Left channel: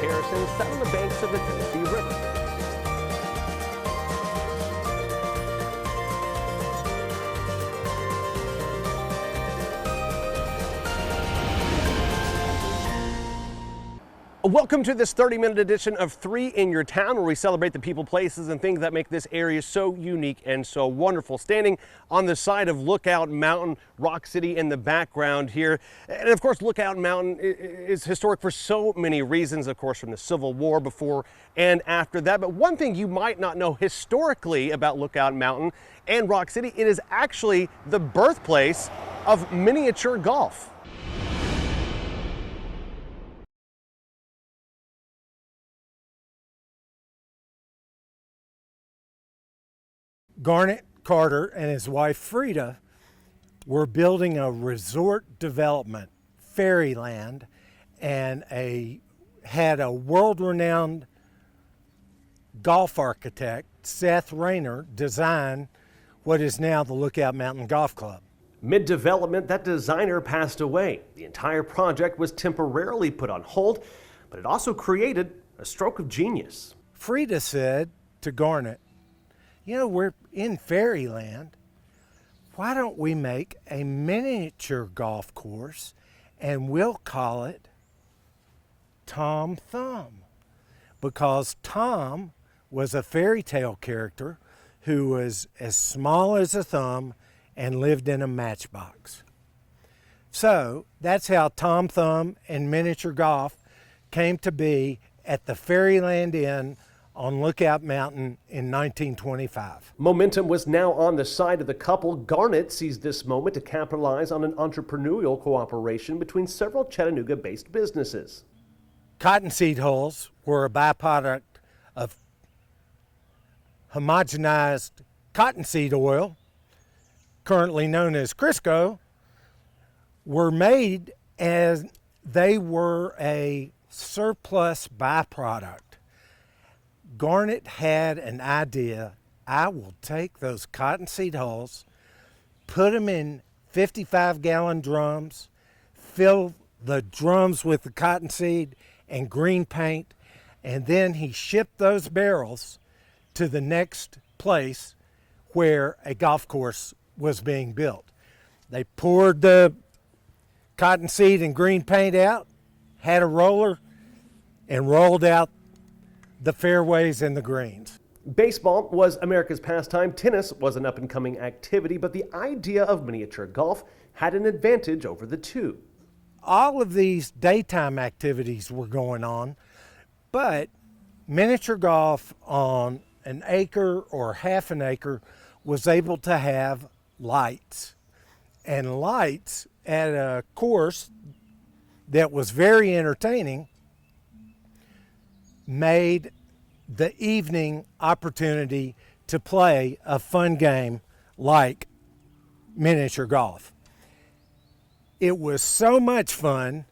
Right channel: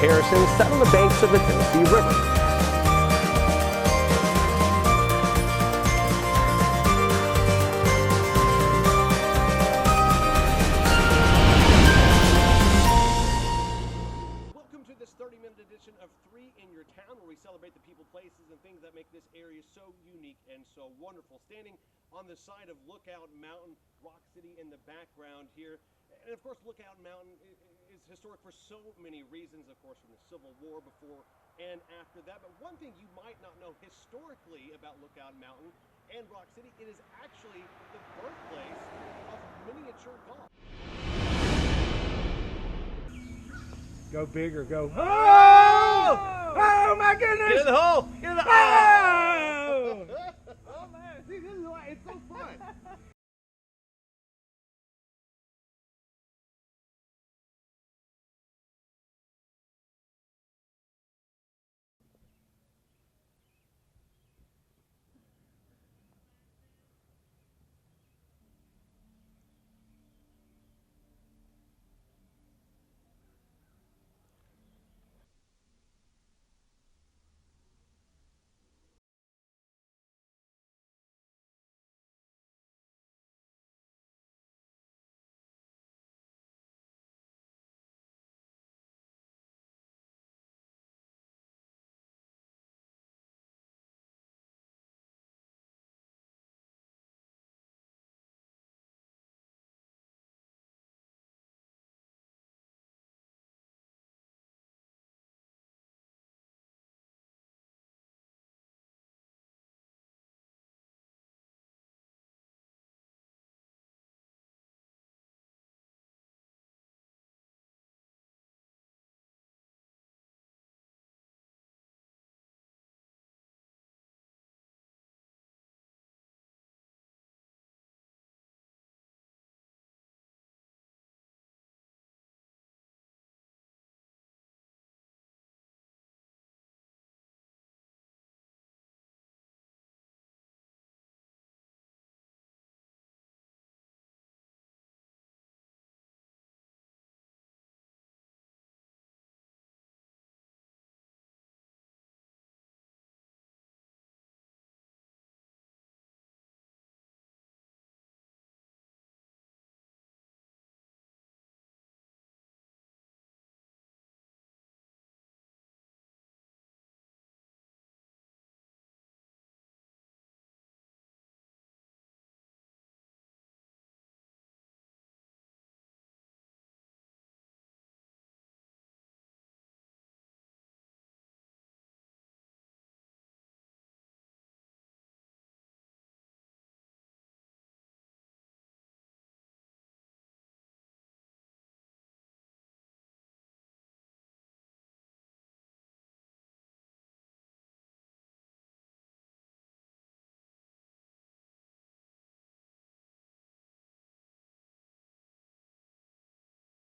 Harrison sat on the banks of the Canopy River. Welcome to this 30-minute edition of 3 in Your Town, where we celebrate the people, places, and things that make this area so unique and so wonderful. Standing on the side of Lookout Mountain, Rock City in the background here. And of course, Lookout Mountain is historic for so many reasons, of course, from the Civil War before and after that. But one thing you might not know historically about Lookout Mountain and Rock City, it is actually the birthplace of miniature golf. Go big or go. Oh! Oh my goodness! Get in the hole! Get in the hole! Garnet Carter and his wife Frida were building a resort development, Fairyland, and had a world-renowned golf architect, Seth Rayner, design what is now the Lookout Mountain Golf Club. Mid-development, that designer passed away. The entire project was temporarily put on hold, but it also created a stroke of genius. Frida said to Garnet, you know, we're in Fairyland. Why don't we make a miniature golf course and we'll call it Tom Thumb? Because Tom was a fairy tale character who was as small as a thumb and lived in a matchbox. So that's how Tom Thumb and miniature golf came to be at the Fairyland Inn on Lookout Mountain in 1925. Momentum was now on the side of the couple. Garnet seized this moment to capitalize on an entrepreneurial cooperation between several Chattanooga-based businesses. Cottonseed hulls were a byproduct of homogenized cottonseed oil, currently known as Crisco, were made as they were a surplus byproduct. Garnet had an idea. I will take those cottonseed hulls, put them in 55-gallon drums, fill the drums with the cottonseed and green paint, and then he shipped those barrels to the next place where a golf course was being built. They poured the cottonseed and green paint out, had a roller, and rolled out the fairways and the greens. Baseball was America's pastime. Tennis was an up-and-coming activity, but the idea of miniature golf had an advantage over the two. All of these daytime activities were going on, but miniature golf on an acre or half an acre was able to have lights. And lights at a course that was very entertaining made the evening opportunity to play a fun game like miniature golf. It was so much fun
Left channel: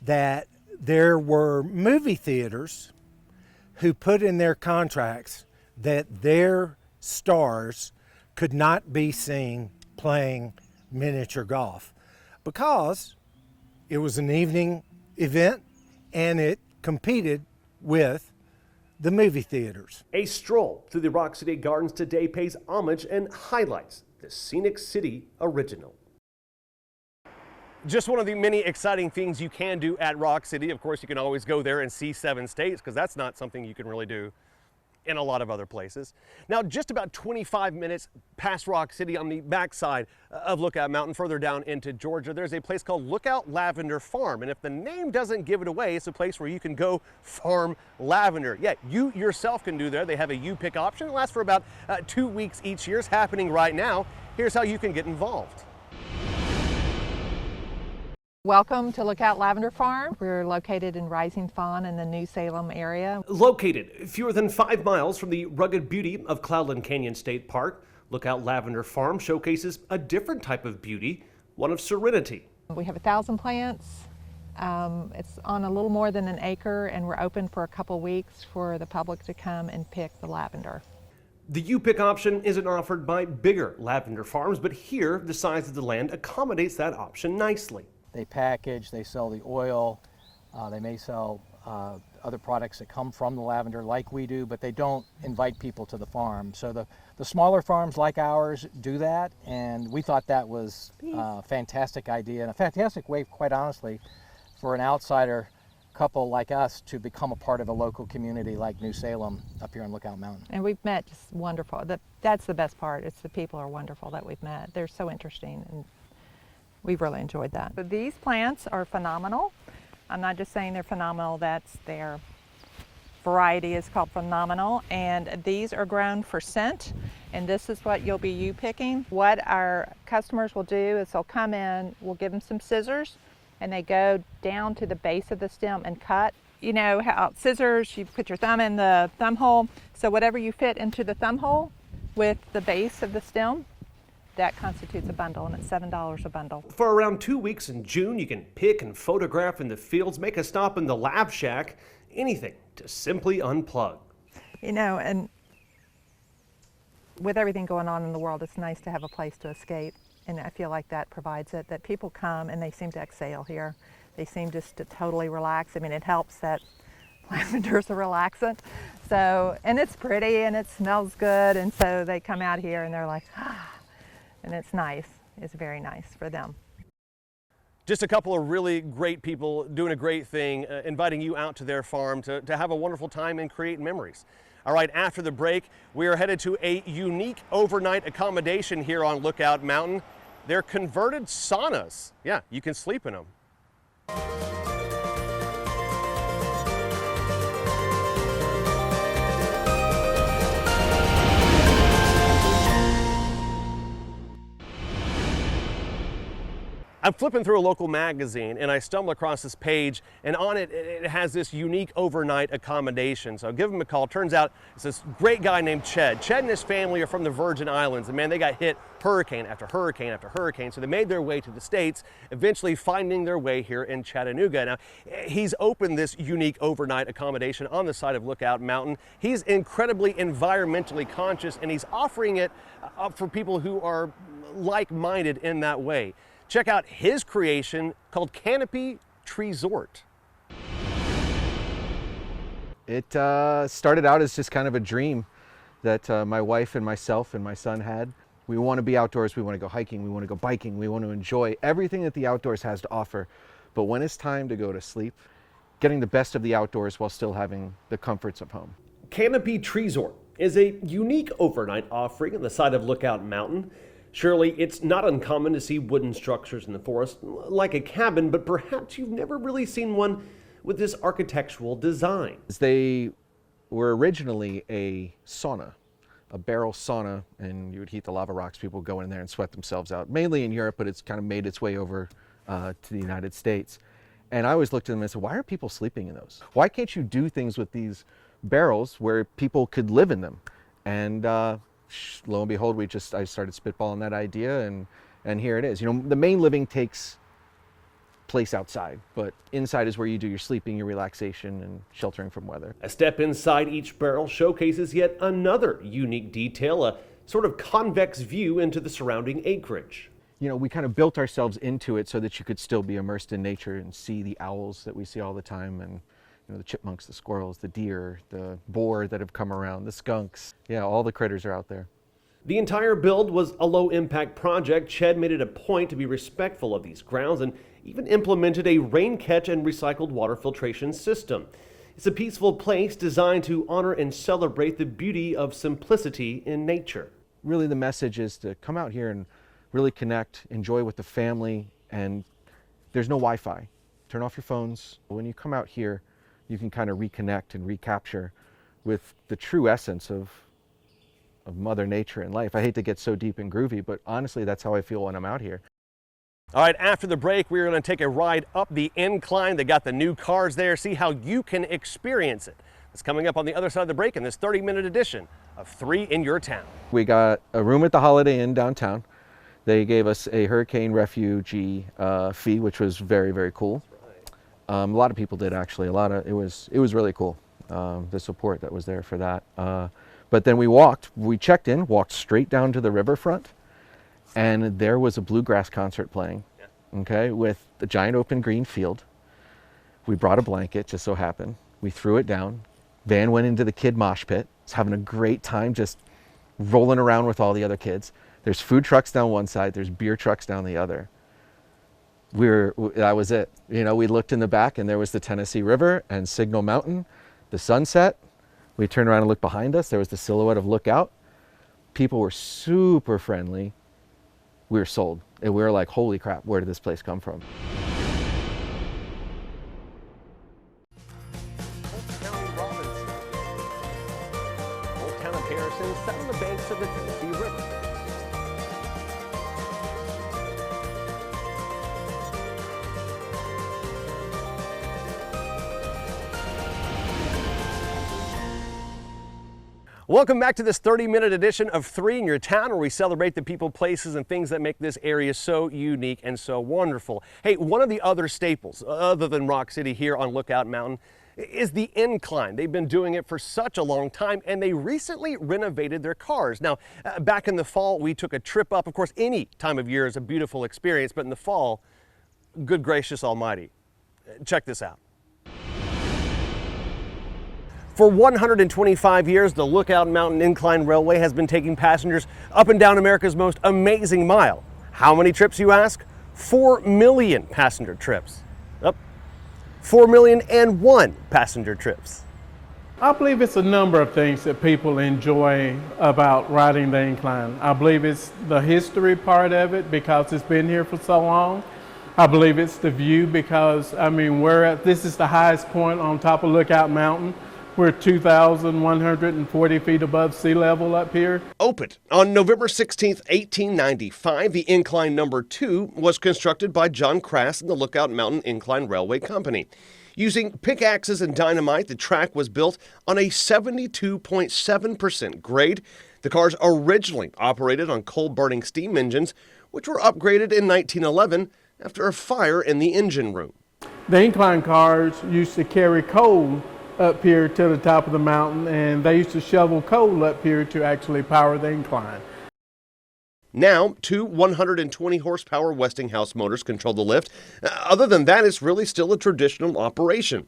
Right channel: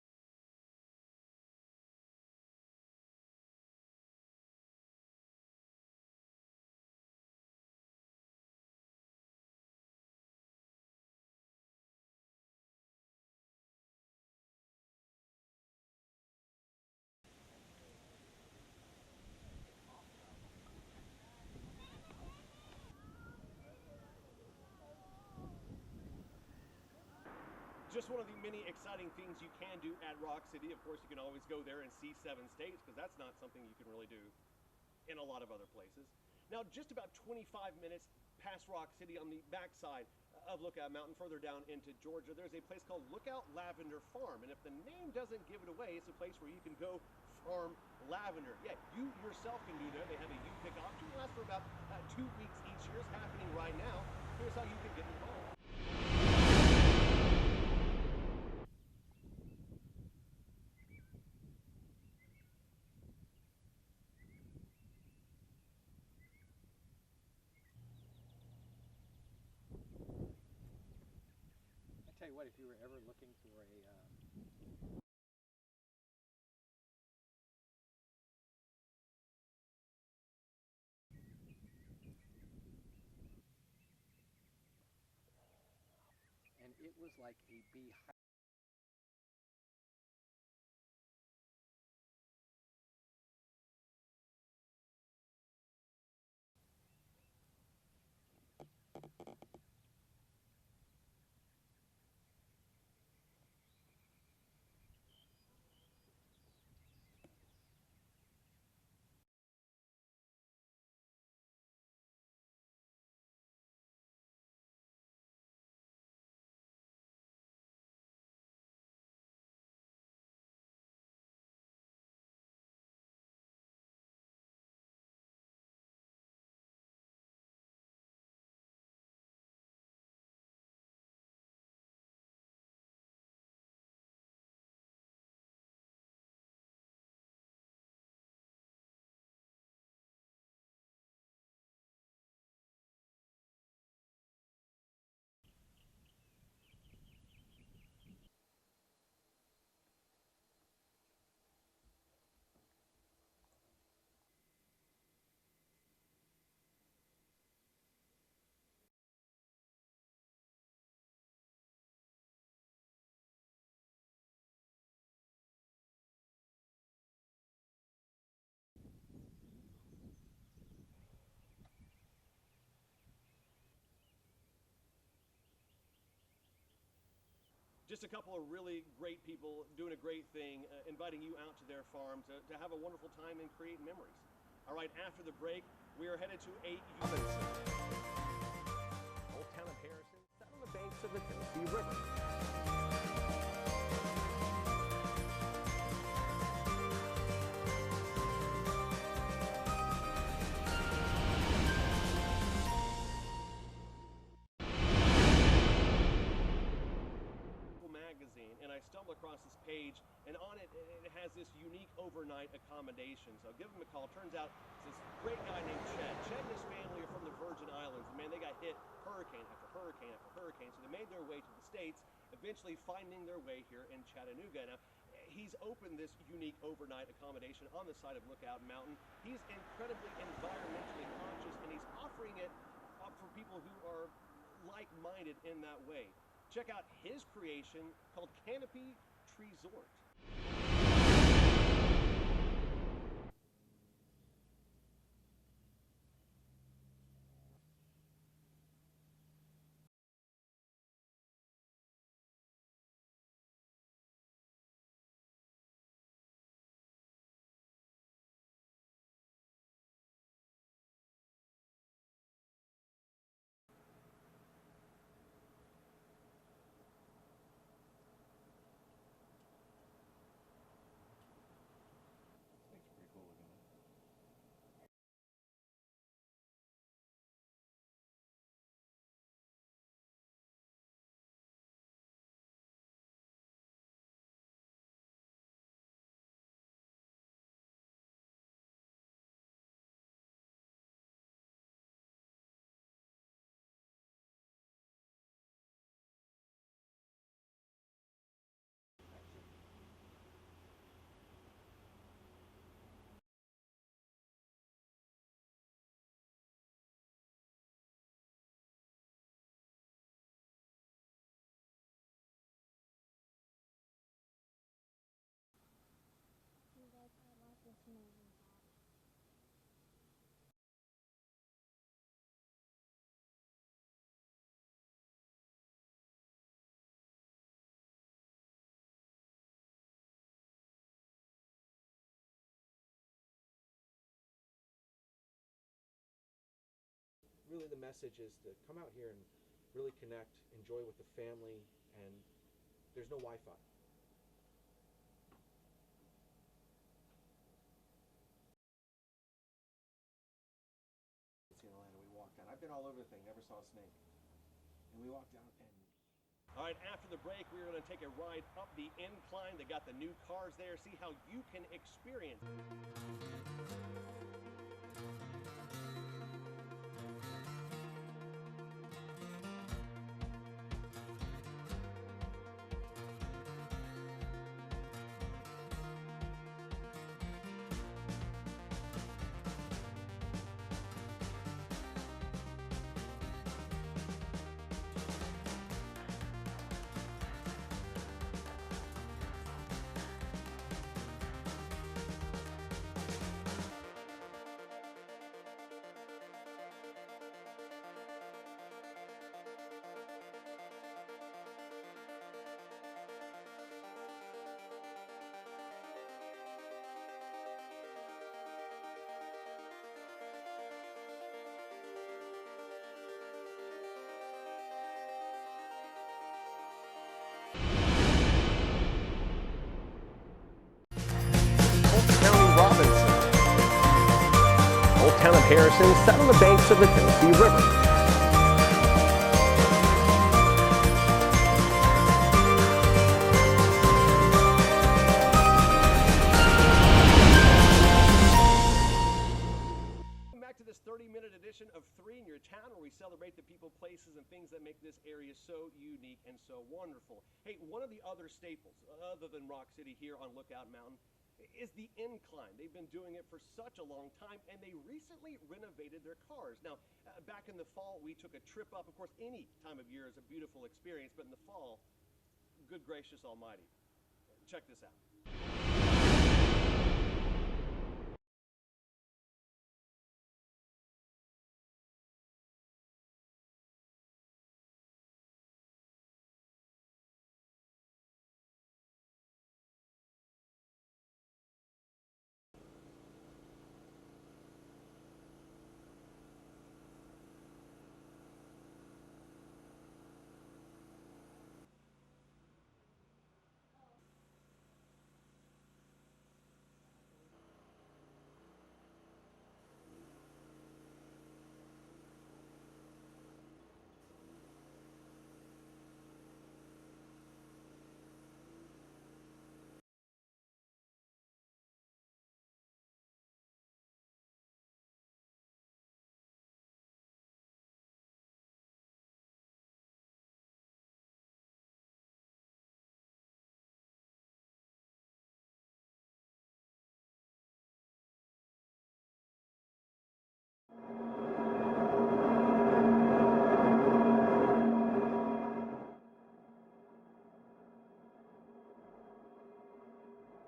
that there were movie theaters who put in their contracts that their stars could not be seen playing miniature golf because it was an evening event and it competed with the movie theaters. A stroll through the Rock City Gardens today pays homage and highlights the Scenic City original. Just one of the many exciting things you can do at Rock City. Of course, you can always go there and see 7 states, because that's not something you can really do in a lot of other places. Now, just about 25 minutes past Rock City on the backside of Lookout Mountain, further down into Georgia, there's a place called Lookout Lavender Farm. And if the name doesn't give it away, it's a place where you can go farm lavender. Yeah, you yourself can do there. They have a you-pick option. It lasts for about 2 weeks each year. It's happening right now. Here's how you can get involved. Welcome to Lookout Lavender Farm. We're located in Rising Fawn in the New Salem area. Located fewer than 5 miles from the rugged beauty of Cloudland Canyon State Park, Lookout Lavender Farm showcases a different type of beauty, one of serenity. We have 1,000 plants. It's on a little more than an acre, and we're open for a couple weeks for the public to come and pick the lavender. The you-pick option isn't offered by bigger lavender farms, but here the size of the land accommodates that option nicely. They package, they sell the oil, they may sell other products that come from the lavender like we do, but they don't invite people to the farm. So the smaller farms like ours do that, and we thought that was a fantastic idea and a fantastic way, quite honestly, for an outsider couple like us to become a part of a local community like New Salem up here on Lookout Mountain. And we've met just wonderful. That's the best part. It's the people are wonderful that we've met. They're so interesting, and we've really enjoyed that. But these plants are phenomenal. I'm not just saying they're phenomenal, that's their variety is called phenomenal, and these are grown for scent, and this is what you'll be picking. What our customers will do is they'll come in, we'll give them some scissors, and they go down to the base of the stem and cut. You know how scissors, you put your thumb in the thumb hole, so whatever you fit into the thumb hole with the base of the stem, that constitutes a bundle, and it's $7 a bundle. For around 2 weeks in June, you can pick and photograph in the fields, make a stop in the Lav Shack, anything to simply unplug. You know, and with everything going on in the world, it's nice to have a place to escape, and I feel like that provides it, that people come and they seem to exhale here. They seem just to totally relax. I mean, it helps that lavender's a relaxant, so, and it's pretty and it smells good, and so they come out here and they're like, ah. And it's nice. It's very nice for them. Just a couple of really great people doing a great thing, inviting you out to their farm to have a wonderful time and create memories. All right, after the break, we are headed to a unique overnight accommodation here on Lookout Mountain. They're converted saunas. Yeah, you can sleep in them. I'm flipping through a local magazine and I stumble across this page, and on it, it has this unique overnight accommodation. So I give him a call. Turns out it's this great guy named Ched. Ched and his family are from the Virgin Islands, and man, they got hit hurricane after hurricane after hurricane. So they made their way to the States, eventually finding their way here in Chattanooga. Now, he's opened this unique overnight accommodation on the side of Lookout Mountain. He's incredibly environmentally conscious, and he's offering it up for people who are like-minded in that way. Check out his creation called Canopy Zort. It started out as just kind of a dream that my wife and myself and my son had. We want to be outdoors, we want to go hiking, we want to go biking, we want to enjoy everything that the outdoors has to offer. But when it's time to go to sleep, getting the best of the outdoors while still having the comforts of home. Canopy Zort is a unique overnight offering on the side of Lookout Mountain. Surely it's not uncommon to see wooden structures in the forest like a cabin, but perhaps you've never really seen one with this architectural design. They were originally a sauna, a barrel sauna, and you would heat the lava rocks. People would go in there and sweat themselves out, mainly in Europe, but it's kind of made its way over to the United States. And I always looked at them and said, why are people sleeping in those? Why can't you do things with these barrels where people could live in them? And lo and behold, I started spitballing that idea, and here it is. You know, the main living takes place outside, but inside is where you do your sleeping, your relaxation, and sheltering from weather. A step inside each barrel showcases yet another unique detail, a sort of convex view into the surrounding acreage. You know, we kind of built ourselves into it so that you could still be immersed in nature and see the owls that we see all the time, and you know, the chipmunks, the squirrels, the deer, the boar that have come around, the skunks. Yeah, all the critters are out there. The entire build was a low-impact project. Ched made it a point to be respectful of these grounds and even implemented a rain catch and recycled water filtration system. It's a peaceful place designed to honor and celebrate the beauty of simplicity in nature. Really, the message is to come out here and really connect, enjoy with the family, and there's no Wi-Fi. Turn off your phones. When you come out here, you can kind of reconnect and recapture with the true essence of Mother Nature and life. I hate to get so deep and groovy, but honestly, that's how I feel when I'm out here. All right, after the break, we're going to take a ride up the incline. They got the new cars there, see how you can experience it. It's coming up on the other side of the break in this 30-minute edition of 3 in Your Town. We got a room at the Holiday Inn downtown. They gave us a hurricane refugee fee, which was very, very cool. A lot of people did, actually. It was really cool, the support that was there for that. But then we checked in, walked straight down to the riverfront, and there was a bluegrass concert playing, okay, with a giant open green field. We brought a blanket, just so happened. We threw it down. Van went into the kid mosh pit. Was having a great time just rolling around with all the other kids. There's food trucks down one side, there's beer trucks down the other. That was it. You know, we looked in the back and there was the Tennessee River and Signal Mountain, the sunset. We turned around and looked behind us. There was the silhouette of Lookout. People were super friendly. We were sold. And we were like, holy crap, where did this place come from? Old Town of Robinson. Old Town of Harrison sat on the banks of the Tennessee River. Welcome back to this 30-minute edition of 3 in Your Town, where we celebrate the people, places, and things that make this area so unique and so wonderful. Hey, one of the other staples, other than Rock City here on Lookout Mountain, is the Incline. They've been doing it for such a long time, and they recently renovated their cars. Now, back in the fall, we took a trip up. Of course, any time of year is a beautiful experience, but in the fall, good gracious almighty. Check this out. For 125 years, the Lookout Mountain Incline Railway has been taking passengers up and down America's most amazing mile. How many trips, you ask? 4 million passenger trips. Up. 4,000,001 passenger trips. I believe it's a number of things that people enjoy about riding the incline. I believe it's the history part of it because it's been here for so long. I believe it's the view because, I mean, this is the highest point on top of Lookout Mountain. We're 2,140 feet above sea level up here. Opened on November 16th, 1895, the Incline number 2 was constructed by John Crass and the Lookout Mountain Incline Railway Company. Using pickaxes and dynamite, the track was built on a 72.7% grade. The cars originally operated on coal-burning steam engines, which were upgraded in 1911 after a fire in the engine room. The Incline cars used to carry coal up here to the top of the mountain, and they used to shovel coal up here to actually power the incline. Now, 2 120 horsepower Westinghouse motors control the lift. Other than that, it's really still a traditional operation.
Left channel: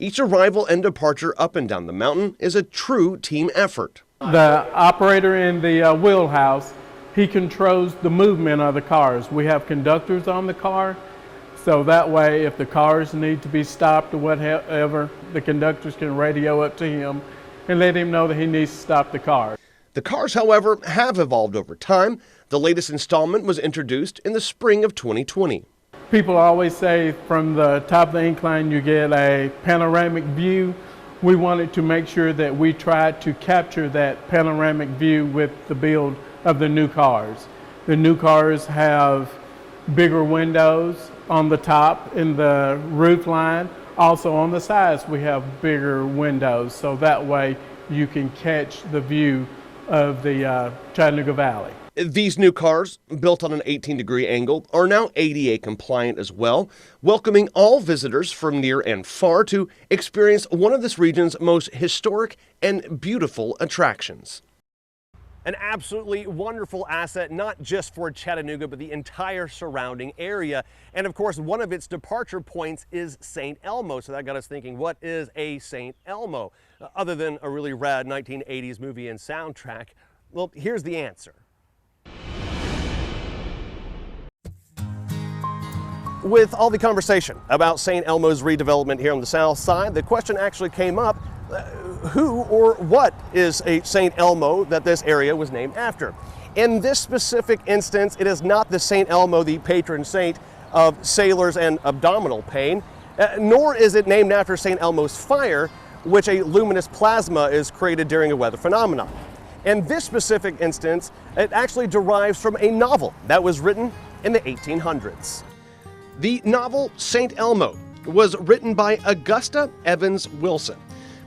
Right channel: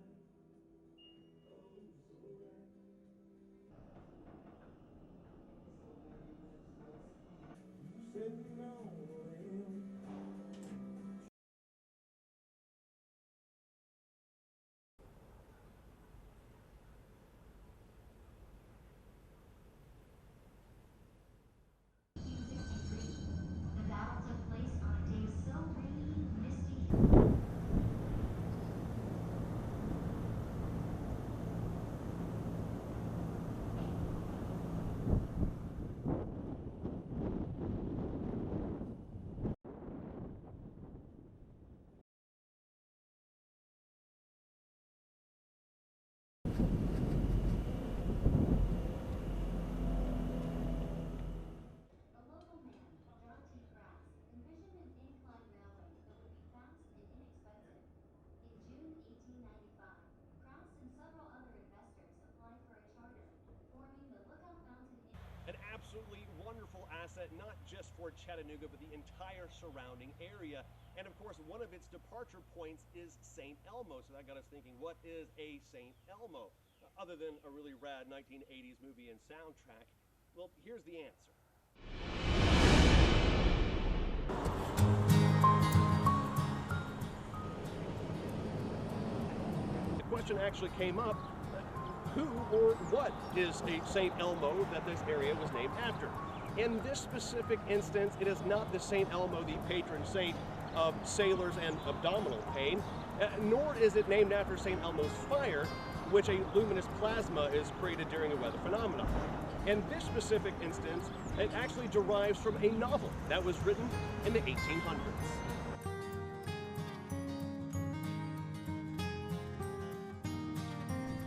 Each arrival and departure up and down the mountain is a true team effort. The operator in the wheelhouse, he controls the movement of the cars. We have conductors on the car, so that way if the cars need to be stopped or whatever, the conductors can radio up to him and let him know that he needs to stop the car. The cars, however, have evolved over time. The latest installment was introduced in the spring of 2020. People always say from the top of the incline you get a panoramic view. We wanted to make sure that we tried to capture that panoramic view with the build of the new cars. The new cars have bigger windows on the top in the roof line. Also on the sides we have bigger windows, so that way you can catch the view of the Chattanooga Valley. These new cars, built on an 18-degree angle, are now ADA compliant as well, welcoming all visitors from near and far to experience one of this region's most historic and beautiful attractions. An absolutely wonderful asset, not just for Chattanooga, but the entire surrounding area. And of course, one of its departure points is St. Elmo. So that got us thinking, what is a St. Elmo? Other than a really rad 1980s movie and soundtrack? Well, here's the answer. With all the conversation about St. Elmo's redevelopment here on the south side, the question actually came up, who or what is a St. Elmo that this area was named after? In this specific instance, it is not the St. Elmo, the patron saint of sailors and abdominal pain, nor is it named after St. Elmo's fire, which a luminous plasma is created during a weather phenomenon. In this specific instance, it actually derives from a novel that was written in the 1800s. The novel St. Elmo was written by Augusta Evans Wilson.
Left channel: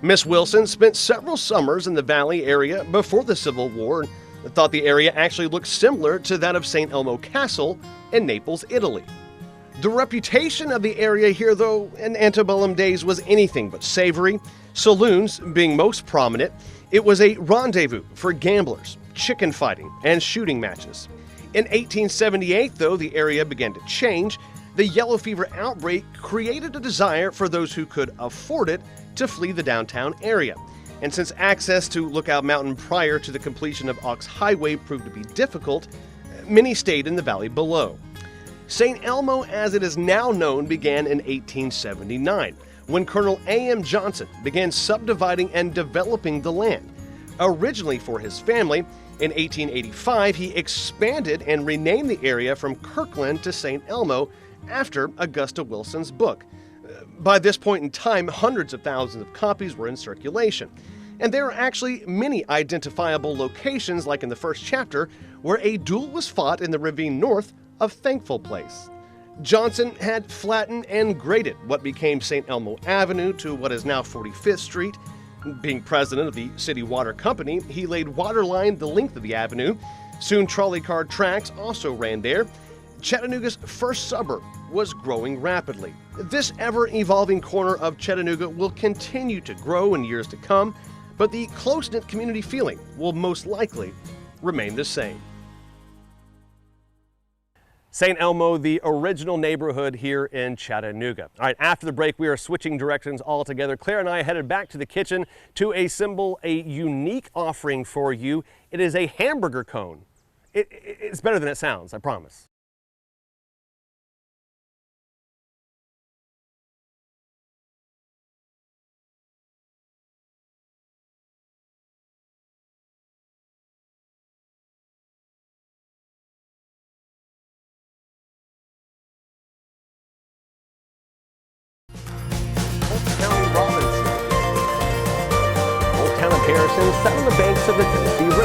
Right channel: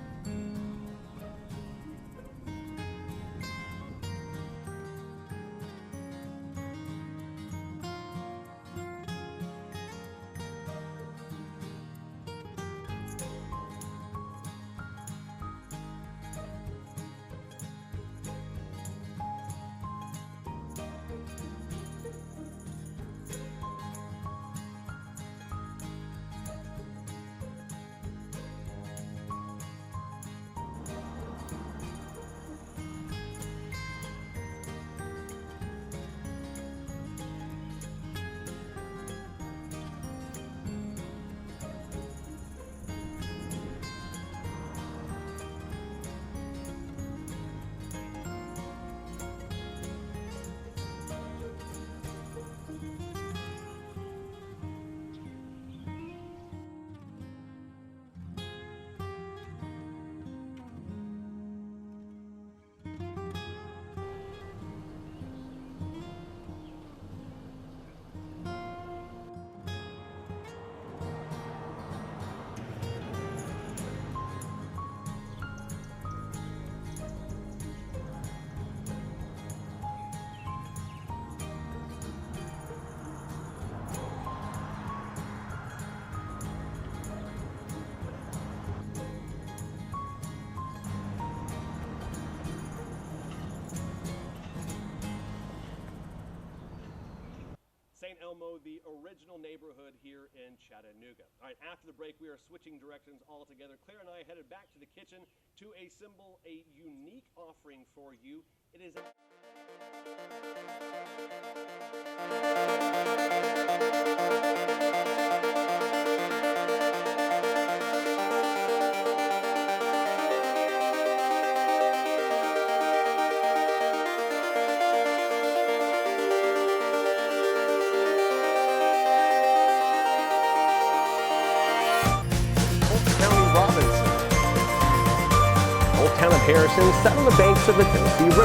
Miss Wilson spent several summers in the Valley area before the Civil War and thought the area actually looked similar to that of St. Elmo Castle in Naples, Italy. The reputation of the area here, though, in antebellum days was anything but savory, saloons being most prominent. It was a rendezvous for gamblers, chicken fighting, and shooting matches. In 1878, though, the area began to change the yellow fever outbreak created a desire for those who could afford it to flee the downtown area. And since access to Lookout Mountain prior to the completion of Ox Highway proved to be difficult, many stayed in the valley below. St. Elmo, as it is now known, began in 1879, when Colonel A.M. Johnson began subdividing and developing the land. Originally for his family, in 1885 he expanded and renamed the area from Kirkland to St. Elmo after Augusta Wilson's book. By this point in time, hundreds of thousands of copies were in circulation. And there are actually many identifiable locations, like in the first chapter, where a duel was fought in the ravine north of Thankful Place. Johnson had flattened and graded what became St. Elmo Avenue to what is now 45th Street. Being president of the City Water Company, he laid water line the length of the avenue. Soon trolley car tracks also ran there. Chattanooga's first suburb was growing rapidly. This ever-evolving corner of Chattanooga will continue to grow in years to come, but the close-knit community feeling will most likely remain the same. St. Elmo, the original neighborhood here in Chattanooga. All right, after the break, we are switching directions altogether. Claire and I headed back to the kitchen to assemble a unique offering for you. It is a hamburger cone. It's better than it sounds, I promise. Harrison sat on the banks of the Tennessee River.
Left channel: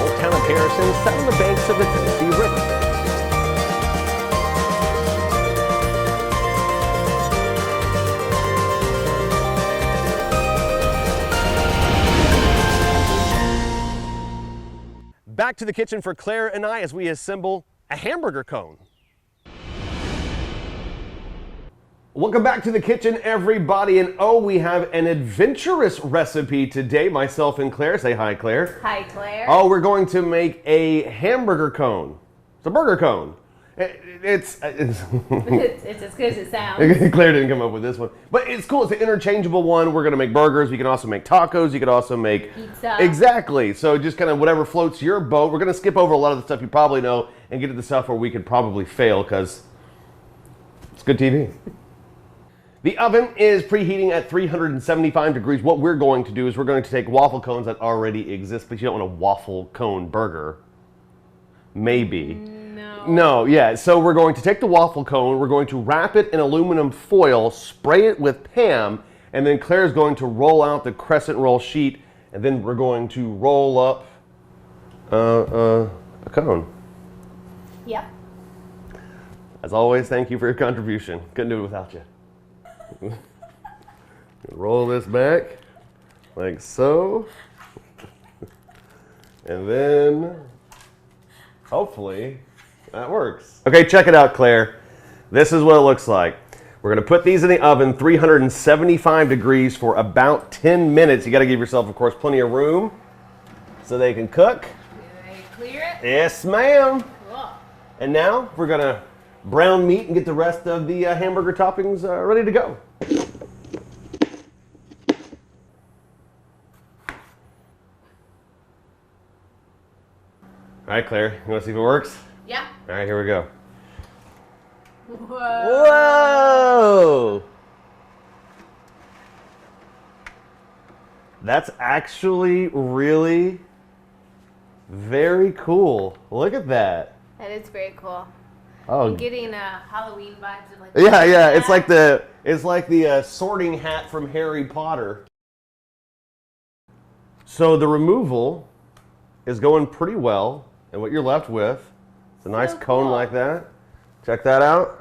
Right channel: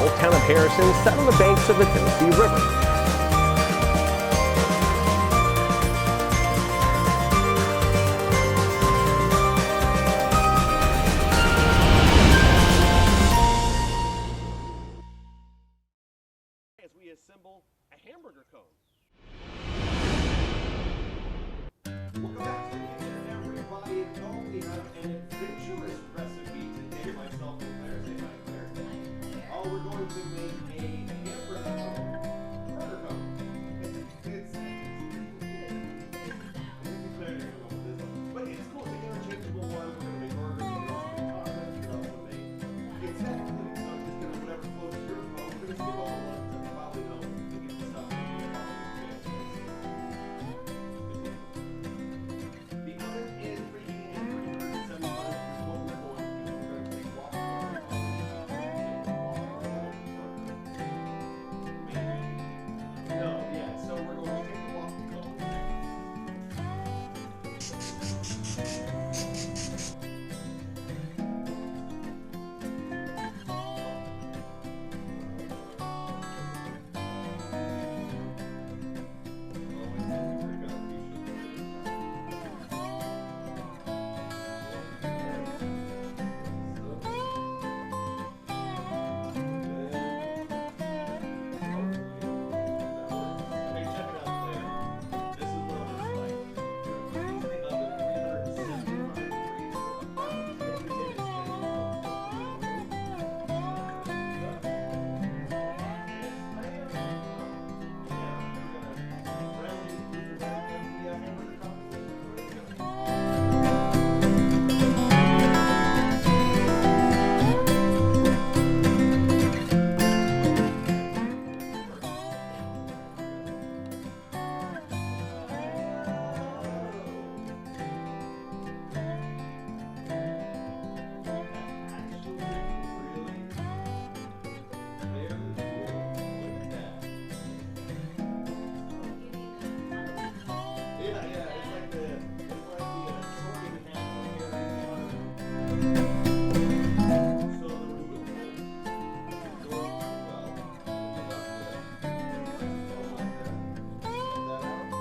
Old town of Harrison sat on the banks of the Tennessee River. Back to the kitchen for Claire and I as we assemble a hamburger cone. Welcome back to the kitchen, everybody, and oh, we have an adventurous recipe today. Myself and Claire. Say hi, Claire. Hi, Claire. Oh, we're going to make a hamburger cone. It's a burger cone. It's It's as good as it sounds. Claire didn't come up with this one, but it's cool. It's an interchangeable one. We're gonna make burgers. You can also make tacos. You could also make Pizza. Exactly. So just kind of whatever floats your boat. We're gonna skip over a lot of the stuff you probably know and get to the stuff where we could probably fail because it's good TV. The oven is preheating at 375 degrees. What we're going to do is we're going to take waffle cones that already exist, but you don't want a waffle cone burger. Maybe. No, yeah, so we're going to take the waffle cone, we're going to wrap it in aluminum foil, spray it with Tam, and then Claire's going to roll out the crescent roll sheet, and then we're going to roll up a cone. Yep. As always, thank you for your contribution. Couldn't do it without you. Roll this back, like so. And then, hopefully, that works. Okay, check it out, Claire. This is what it looks like. We're gonna put these in the oven, 375 degrees for about 10 minutes. You gotta give yourself, of course, plenty of room so they can cook. Ready to clear it? Yes, ma'am. Cool. And now we're gonna brown meat and get the rest of the hamburger toppings ready to go. All right, Claire, you wanna see if it works? Yeah. All right, here we go. Whoa. Whoa! That's actually really very cool. Look at that. That is very cool. Oh. I'm getting a Halloween vibe. Yeah, it's like the sorting hat from Harry Potter. So the removal is going pretty well, and what you're left with is a nice cone like that. Check that out.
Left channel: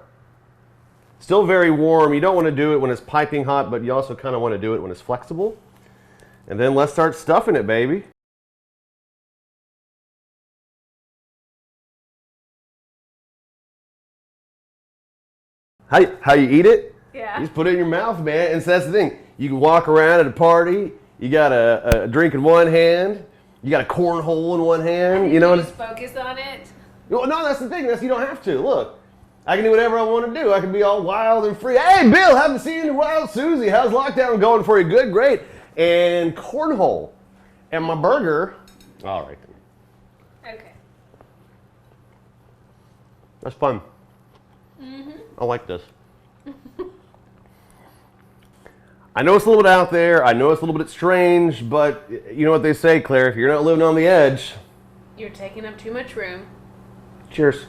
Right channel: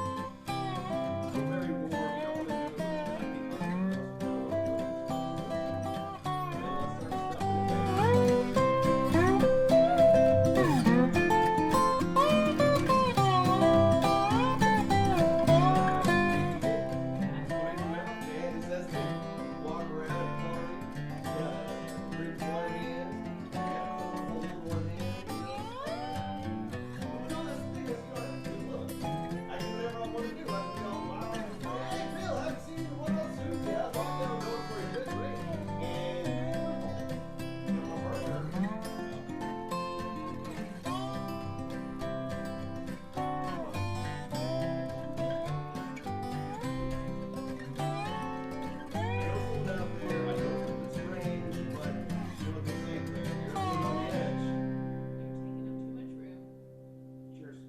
Still very warm. You don't want to do it when it's piping hot, but you also kind of want to do it when it's flexible. And then let's start stuffing it, baby. How you eat it? Yeah. You just put it in your mouth, man. And so that's the thing. You can walk around at a party. You got a drink in one hand. You got a cornhole in one hand. You know. Just focus on it. No, that's the thing. You don't have to. Look, I can do whatever I want to do. I can be all wild and free. Hey, Bill, haven't seen you in a while. Susie, how's lockdown going for you? Good, great. And cornhole. And my burger. All right. Okay. That's fun. I like this. I know it's a little bit out there. I know it's a little bit strange, but you know what they say, Claire, if you're not living on the edge. You're taking up too much room. Cheers.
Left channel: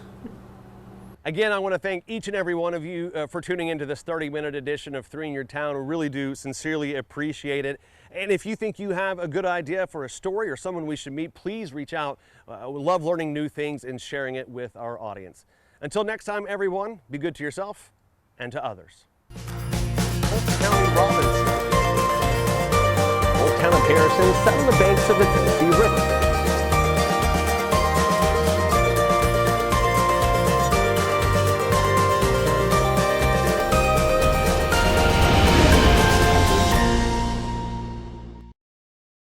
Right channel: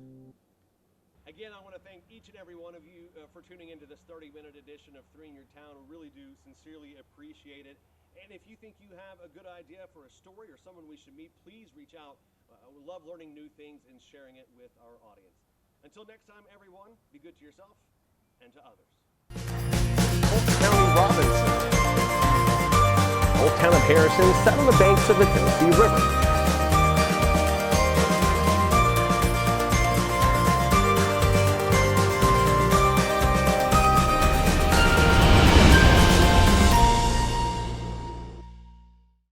Again, I want to thank each and every one of you for tuning into this 30-minute edition of 3 in Your Town. We really do sincerely appreciate it. And if you think you have a good idea for a story or someone we should meet, please reach out. We love learning new things and sharing it with our audience. Until next time, everyone, be good to yourself and to others. Polk County Robinson. Old town of Harrison sat on the banks of the Tennessee River.